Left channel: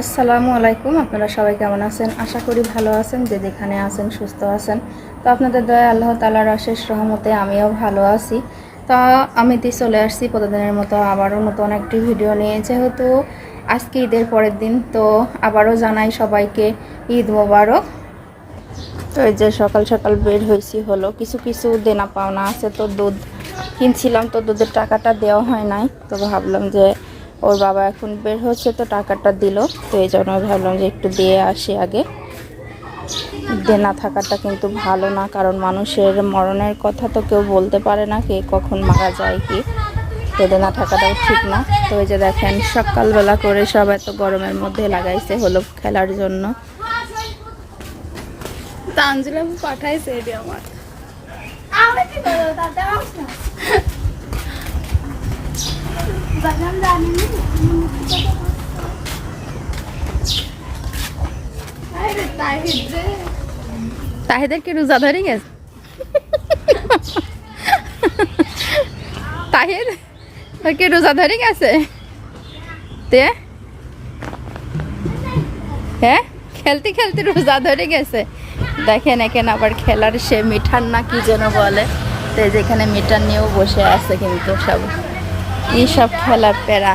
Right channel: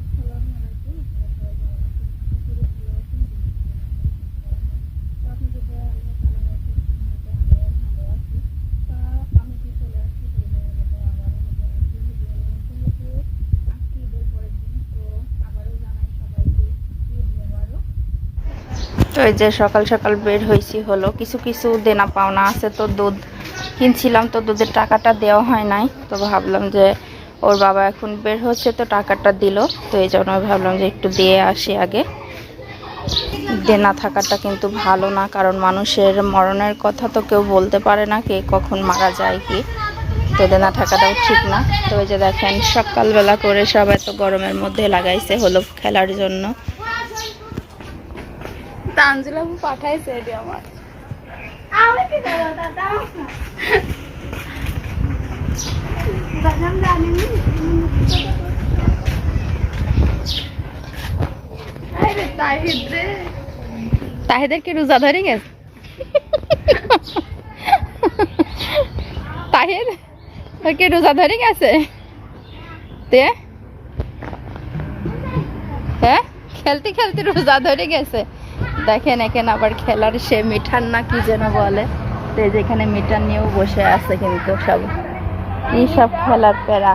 আসসালামু আলাইকুম, আপনারা সবাই কেমন আছেন? আশা করি ভালো আছেন, যে যেখানে আছেন সুস্থ আছেন। তো আপনাদের দয়া আল্লাহ তালার অশেষ রহমতে আমিও ভালো আছি। তো আমি তো চলে আসছি প্রতিদিনের মতো আবারও নতুন একটি ভিডিও নিয়ে। যেহেতু আজকে ঈদের পরের দিন, তো আবারও জানাই সবাইকে ঈদ মোবারক। তো এই যে সকাল সকাল বের হয়েছি হলো, কিছু কিছু দেনা পাওনা আছে, তো দুধ কিনছিলাম, তো দুধের টাকাটা দেওয়া হয় নাই। তো ভাবলাম যে ওর বাবা এখন বের হচ্ছে তো টাকাটা দিল। তো এই জন্য ভাবলাম যে একটু দিয়ে আসি আগে। দেনা থাকাটা কিন্তু ভালো না কারণ মানুষের মরণের কথা তো কেউ বলতে পারে না কে কখন মারা যায় কি। তো দেনা থাকাটাও ঠিক না। তো এই যে দেখেন সকালবেলা করে সব এত গরমের মধ্যে লাগাইছে হলো খেলার জন্য। পাঠাইছে এটি আমার। তাহিদের কি রোজা ধরে গেছে তাহিদ তোর কি রোজা ধরে গেছে তে হ্যাঁ খেলতে খেলতে রোজা ধরে গেছে দেখেন এখানে আবার খেলার সে মিঠান না কি যেন বলে। তো এই যে এখানে মিঠার নিয়েও বসে আছে কিন্তু সব। কি সব খেলার প্যারা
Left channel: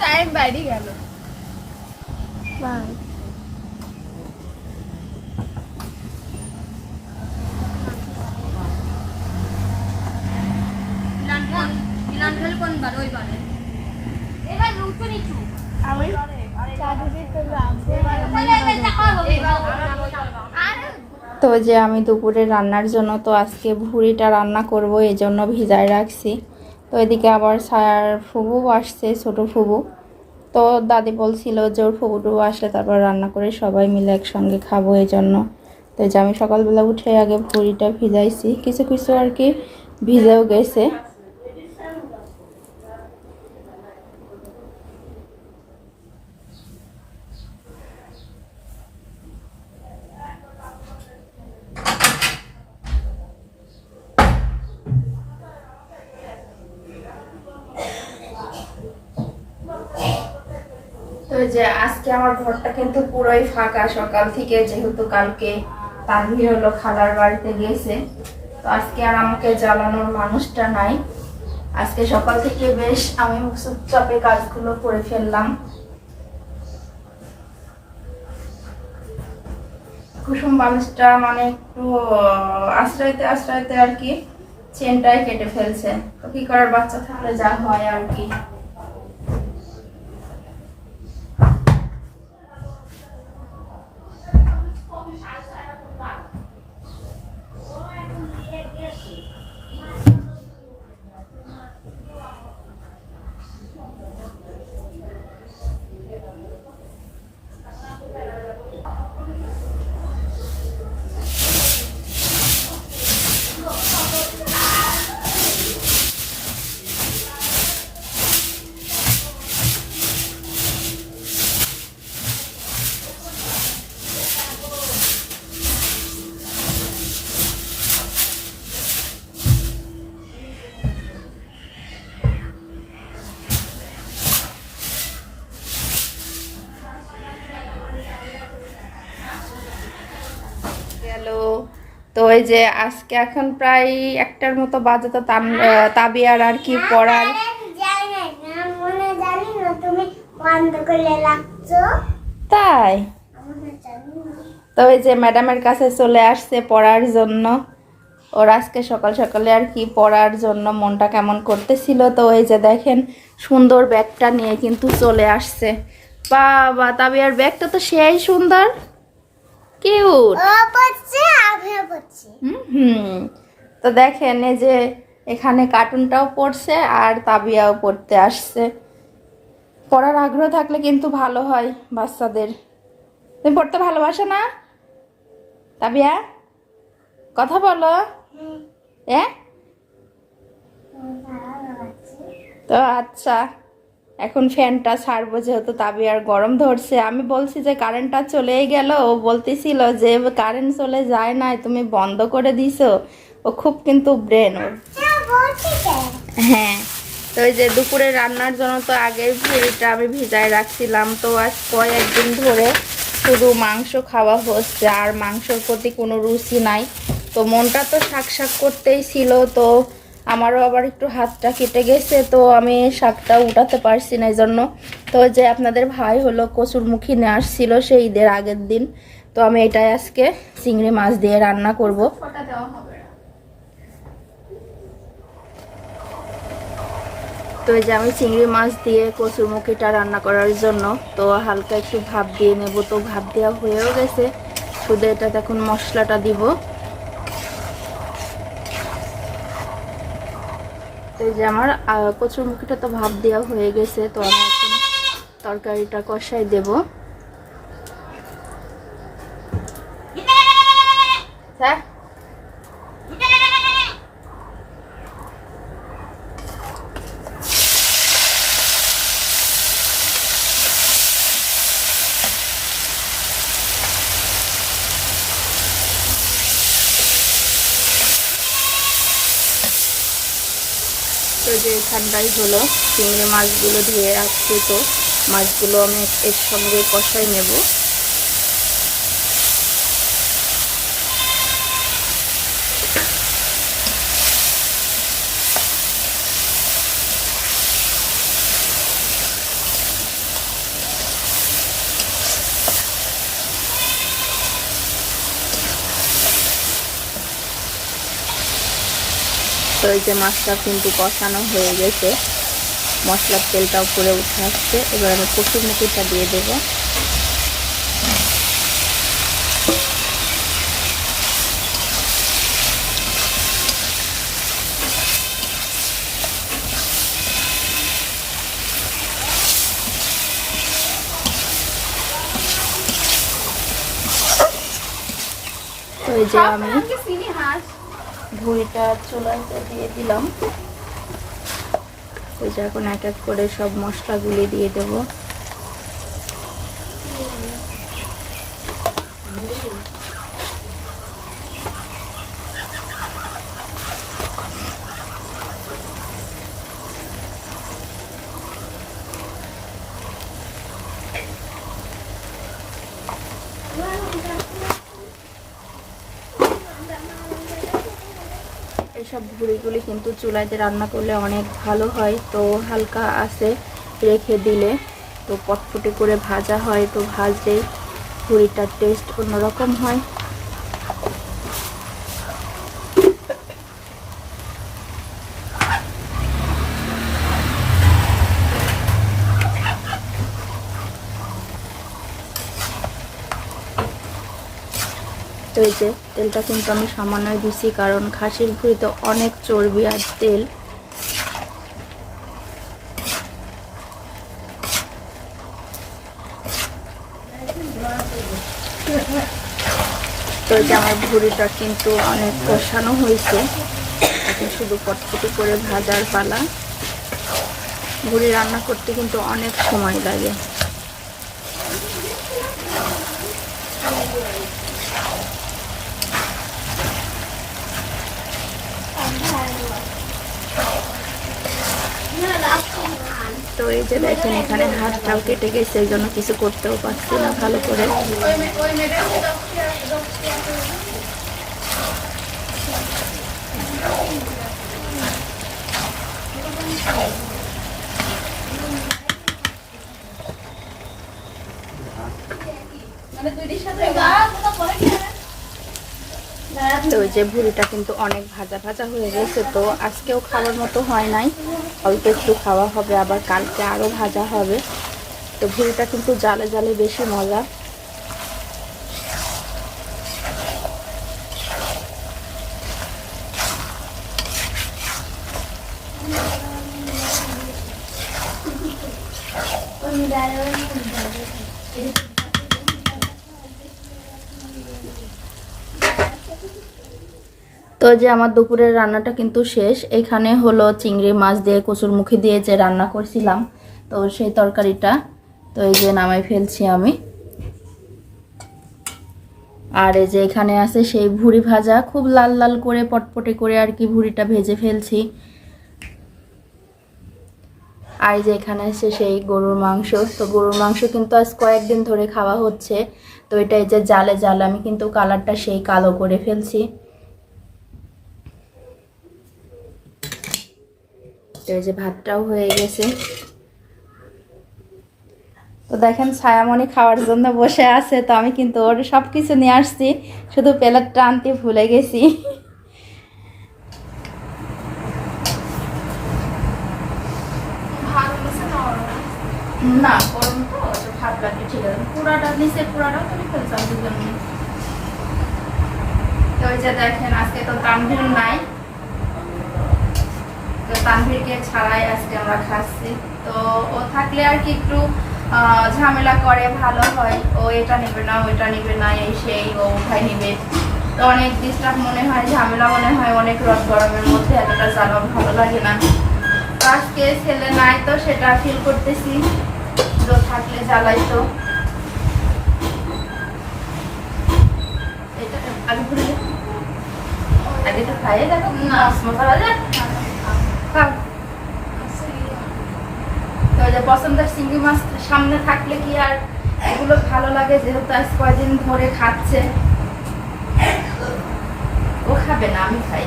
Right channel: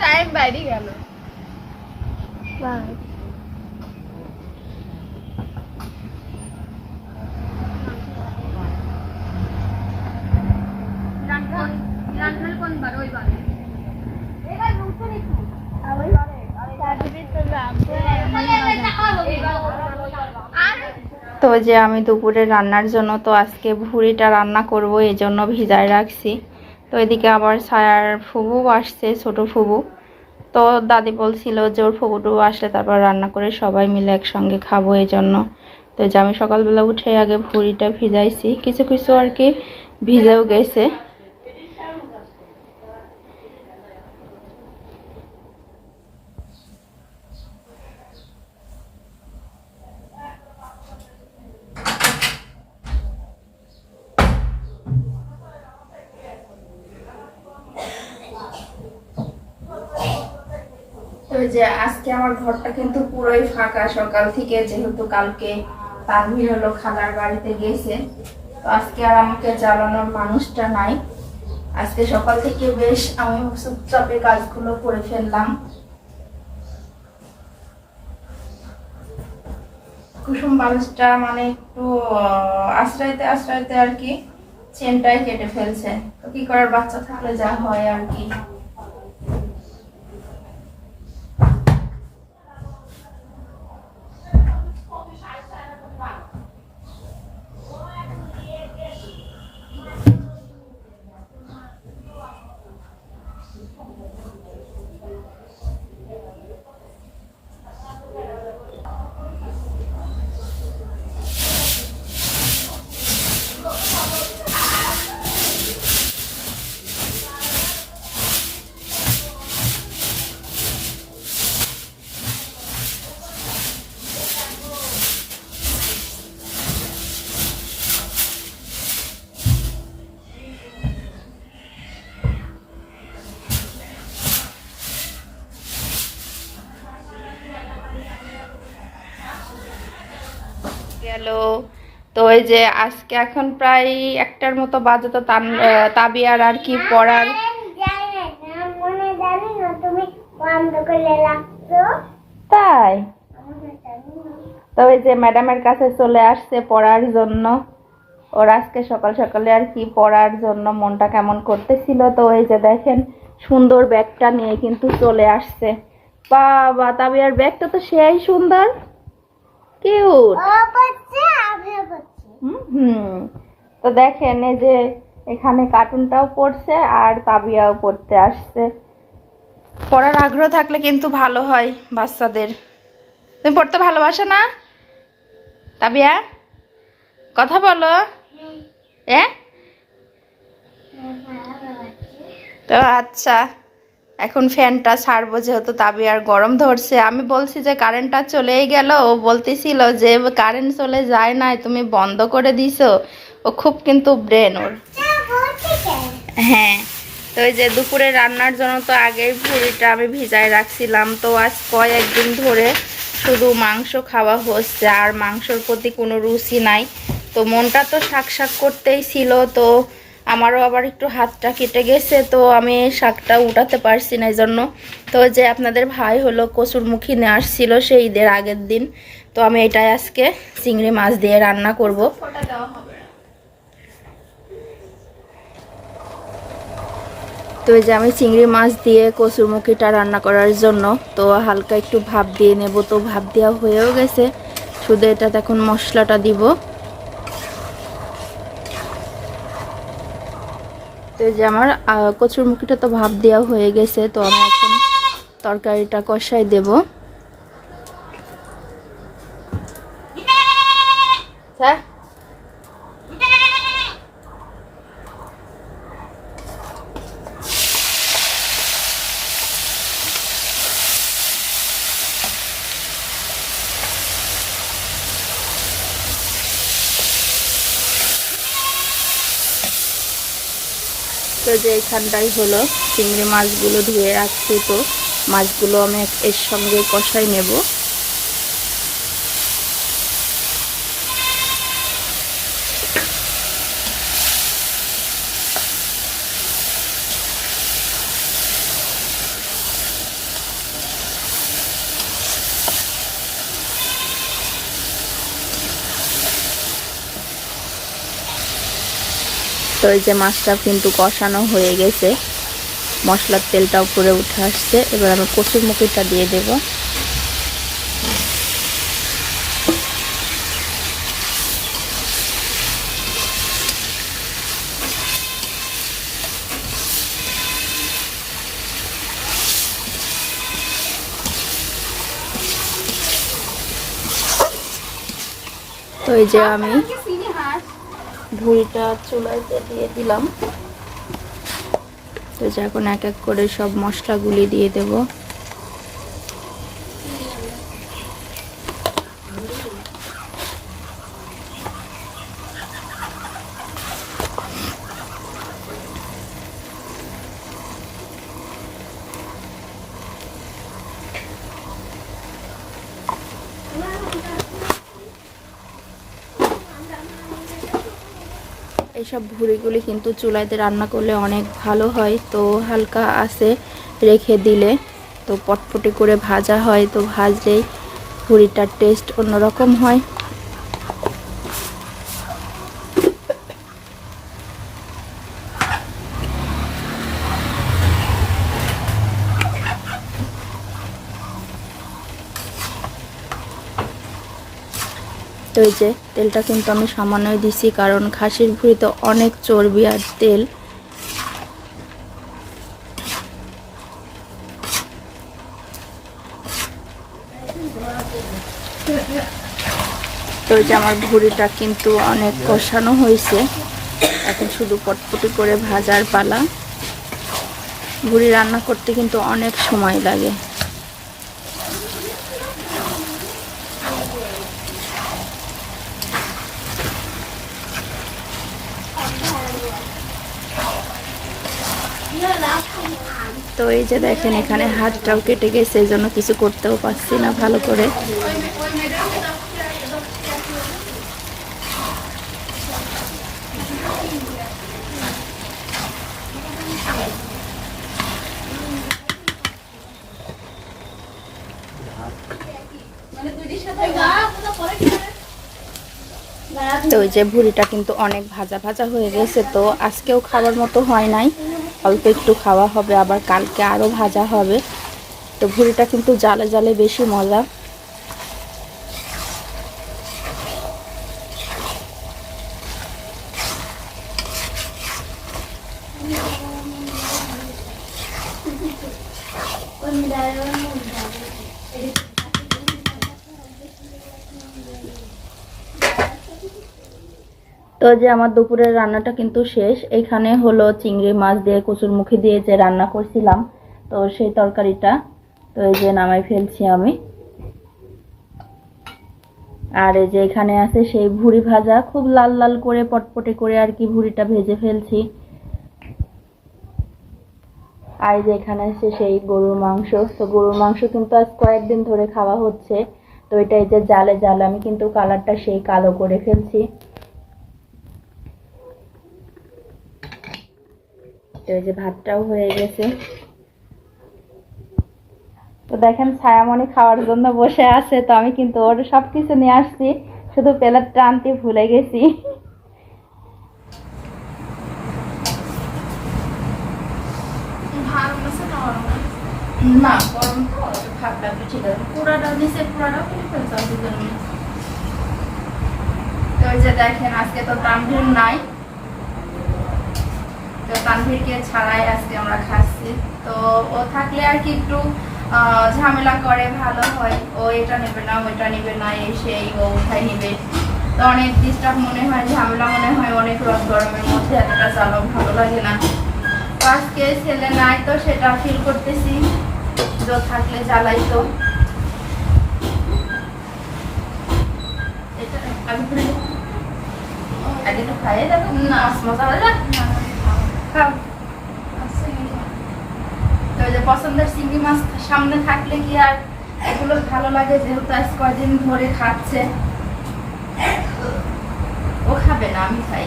টাইম বাইরে গেল। তো যে আমি দুপুরে রান্নার জন্য তো আজকে ভুড়িটা রান্না করব এই জন্য ভিজায় রাখছি। তো এদিকে আবার ছায়ার ফুবু আসছে, ছোট ফুবু। তো দাদি বলছিল যে ওর ফুবুটু আসলে তারপর রান্না করে সবাই মিলে একসঙ্গে খাব এই জন্য তো যে আমি সকালবেলা উঠে আগে ভুড়িটা ভিজাইছি। কিছু কিছু আর কি ভিজেও গেছে তো যে আজকে আমার ঘরটা কিন্তু পুরোই ফাঁকা সকাল থেকে, যেহেতু কালকে তানভীর হলো খালার বাড়িতে গেছে। তো আজকে আর আমাকে জ্বালানোর মানুষটা নাই। আজকে সকাল থেকে বেশ আমি চুপচাপে কাজগুলো করে ফেললাম। কুসুম বালিশটা মানে একটু আশ্রয়তে আশ্রয়তে আর কি চেনটাই কেটে ফেলছে। তো কি করার, বাচ্চা থাকলে যা হয় আর কি। গেল। তো ওই যে আজকে এখন প্রায় একটার মতো বাজে তো তাবিয়ার আর কি পড়ার। তাই? তো ওই যে ম্যাডামের কাছে চলে আসছে পড়ার জন্য। ওর আজকে সকাল সকালে আর কি পড়ার জন্য মনটা কেমন করতেছিল। তো ওই যে দেখেন, সুন্দর ব্যাগটা নিয়ে কিন্তু চলে আসছে। বাবা, তাবিয়ার ব্যাগটা তো সেই সুন্দর। কিউট। হুম তো দেখেন এই যে এখানে কার্টুনটাও পড়ছে আর তাবিয়াও পড়তে আসছে। পড়ার আগ্রহ থাকলে কিন্তু ভালো হয় বাচ্চাদের। তুমি পড়তে ভালোবাসো না? তাবিয়া কথা বলো। এ তো আচ্ছা। এখন ফ্যানটা ছাড়বো যেহেতু তাবি আর গরম ধরছে। আমি বলছি যে কারেন্টটা চলেই গেল। ও বলতেছিল যে কারেন্ট চলে যায় নাই, তুমি বন্ধ করে দিছো। ও খুব কিন্তু ব্রেন ওর। হ্যাঁ তো ওই যে দুপুরে রান্নার জন্য তো আগেই ভুড়িটা আমি ভিজায় রাখছিলাম। তো আজ কয়েকদিন ধরে শুধু মাংস খাওয়া হচ্ছে, আর মাংসর প্রতি কোনো রুচি নাই। তো মনটা তো শাক শাক করতেই ছিল, তো আমারও আবার একটু হাতটা কেটে গেছে, তো আমি শাকটা উঠাতে পারছি না এই জন্য তো যে আপনাদের ভাই হলো কচুরমুখী নিয়ে আসছিল সেই ঈদের আগের দিন, তো আমি এটাই আজকে চিংড়ি মাছ দিয়ে রান্না করব। তো এই যে আমি চিংড়ি মাছ দিয়ে কচুরমুখিটা রান্না করার জন্য, তো হালকা একটু ভাপ দিয়ে নেব, তো ভাপ দেওয়া হয়েও গেছে। শুধু এটা এখন মশলাটা দিব। এই যে আমার কচুর মুখিটা তো ভাব দেওয়া হয়ে গেছে, তো আমি এখন তরকারিটা কষাই দেব। যে এখানটাই হলো চিংড়ি মাছগুলো ধুয়ে রাখছি তো। মাছগুলো আমি এর সঙ্গে কষাই নেব। তো এই যে মাছটা কিন্তু কষানো হয়ে গেছে। মশলার তেলটা উপরে উঠে আসছে। এবার আমি কচুর মুখিটা দিয়ে দেব। তো এই যে আমি ভুঁড়িটা চুলাইতে দিয়ে দিলাম। তো যে এখন এক এক করে সব মশলাগুলি দিয়ে দেব। এসব ভুড়িগুলি কিন্তু চুলাইতে রান্না করলে অনেক ভালো হয়, তো হালকা আছে রেখে দিলে। তো পটপটি করে ভাজা হয়, তো ভাজলে ভুড়িটার টেস্ট অন্যরকম হয়। এই যে তেলটা কিন্তু আমি সামান্যই দিছি, কারণ খাসির ভুঁড়িতে অনেক চর্বি আর তেল। তো যে আমার ভুঁড়িটা কিন্তু অনেক কষানো হয়েছে। এখন শুধু পটপটি করে ভাজার পালা। ভুঁড়ি রান্না করতে কিন্তু অনেক সময় লাগে। তো এই যে দেখেন এখানে হাতটাও কেটে গেছে, এই জন্য কিছু করতেও পারছি না ভালো করে। মানে সাথে তো ওই যে ভুড়িটা কিন্তু অনেক ভাজা ভাজা হয়ে গেছে, তো আজকেও খাওয়ার মতো হয় নাই। অল্প একটু খাওয়া হবে, আবার কালকে আরও ভাজা হবে। তো ভুড়িটা কিন্তু জালে জালে বেশি মজা তো যে আমার দুপুরের রান্নাটা কিন্তু শেষ। এখানে হলো চিংড়ি মাছ দিয়ে কচুর মুখি দিয়ে যে রান্না করছিলাম, তো সেই তরকারিটা, তো এই যে নামাই ফেলছি আমি। আর এই যে এখানে আছে সেই ভুড়ি ভাজা, খুব লাল লাল করে, পটপটে করে আর কি ভুড়িটা ভেজে ফেলছি। আর যে এখানে আছে সেই গরুর মাংস, তো গরুর মাংস কিন্তু আজ কয়েকদিন ধরে খাওয়া হচ্ছে। তো এটা এই যে জালে জালে আমি কিন্তু কালারটা সেই কালো করে ফেলছি। এই যে ভাতটাও হয়ে গেছে। তো দেখেন, ছায়ামণি খাওয়ার জন্য বসে আছে, তো আমি কিন্তু ওর সব কিছু নিয়ে আসছি, শুধু প্লেটটা আনতে ভুলে গেছি। ওই দেখেন, আজকে তো তানভীর নাই। তো তানভীরকে ছাড়াই আজকে আমরা খাচ্ছি। তো ও থাকলে আর কি একটু ঝামেলা করে ভালো হয়। ও এটা নেবে না ওইটা নেবে না এই সেই ও উঠাই নেবে। তো অনেক ডিস্টার্ব মনে হয় ঝামেলা মনে হয় অনেক রোদ গরমের মধ্যে এতটা জ্বালাও ভালো লাগে না। আজকে ছেলে নাই তো সেটা ফিল করতেছি তো থাকলে জ্বালাই তো। আগে তো খাইয়ে দেখো না যে পছন্দের চিংড়ি মাছ সামনে থাকলে কি আর এগুলো ভালো লাগে? যেহেতু আজ কয়দিন ধরে খাচ্ছে। ও খাবে না, আমি খাই।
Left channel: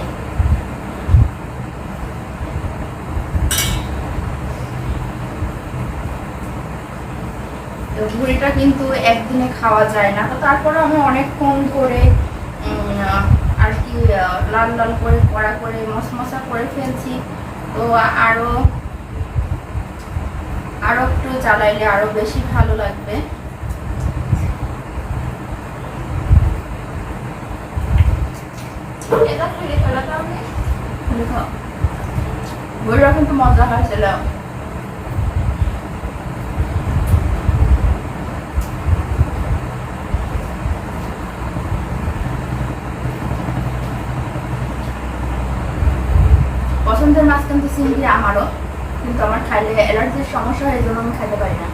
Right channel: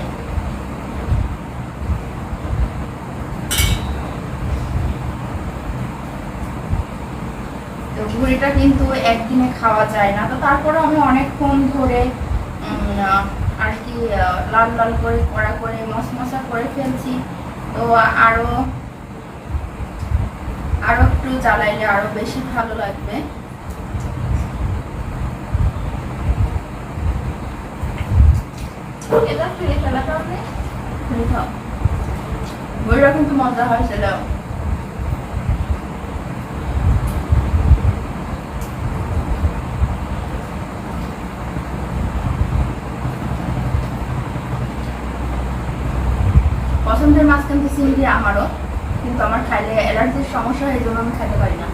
তো ভুড়িটা কিন্তু একদিনে খাওয়া যায় না। তো তারপরে আমি অনেকক্ষণ ধরে আর কি লাল লাল করে কড়া করে মশ মশমশা করে ফেলছি। তো আরও আরও একটু জ্বালাইলে আরও বেশি ভালো লাগবে। এটা খেলে ফেলাটা আপনি কিন্তু মজা হয়েছিল পছন্দের মাছ কিন্তু চিংড়ি আমারও, কিন্তু আমার খাইলে অ্যালার্জির সমস্যা হয়, এই জন্য আমি খাইতে পারি না।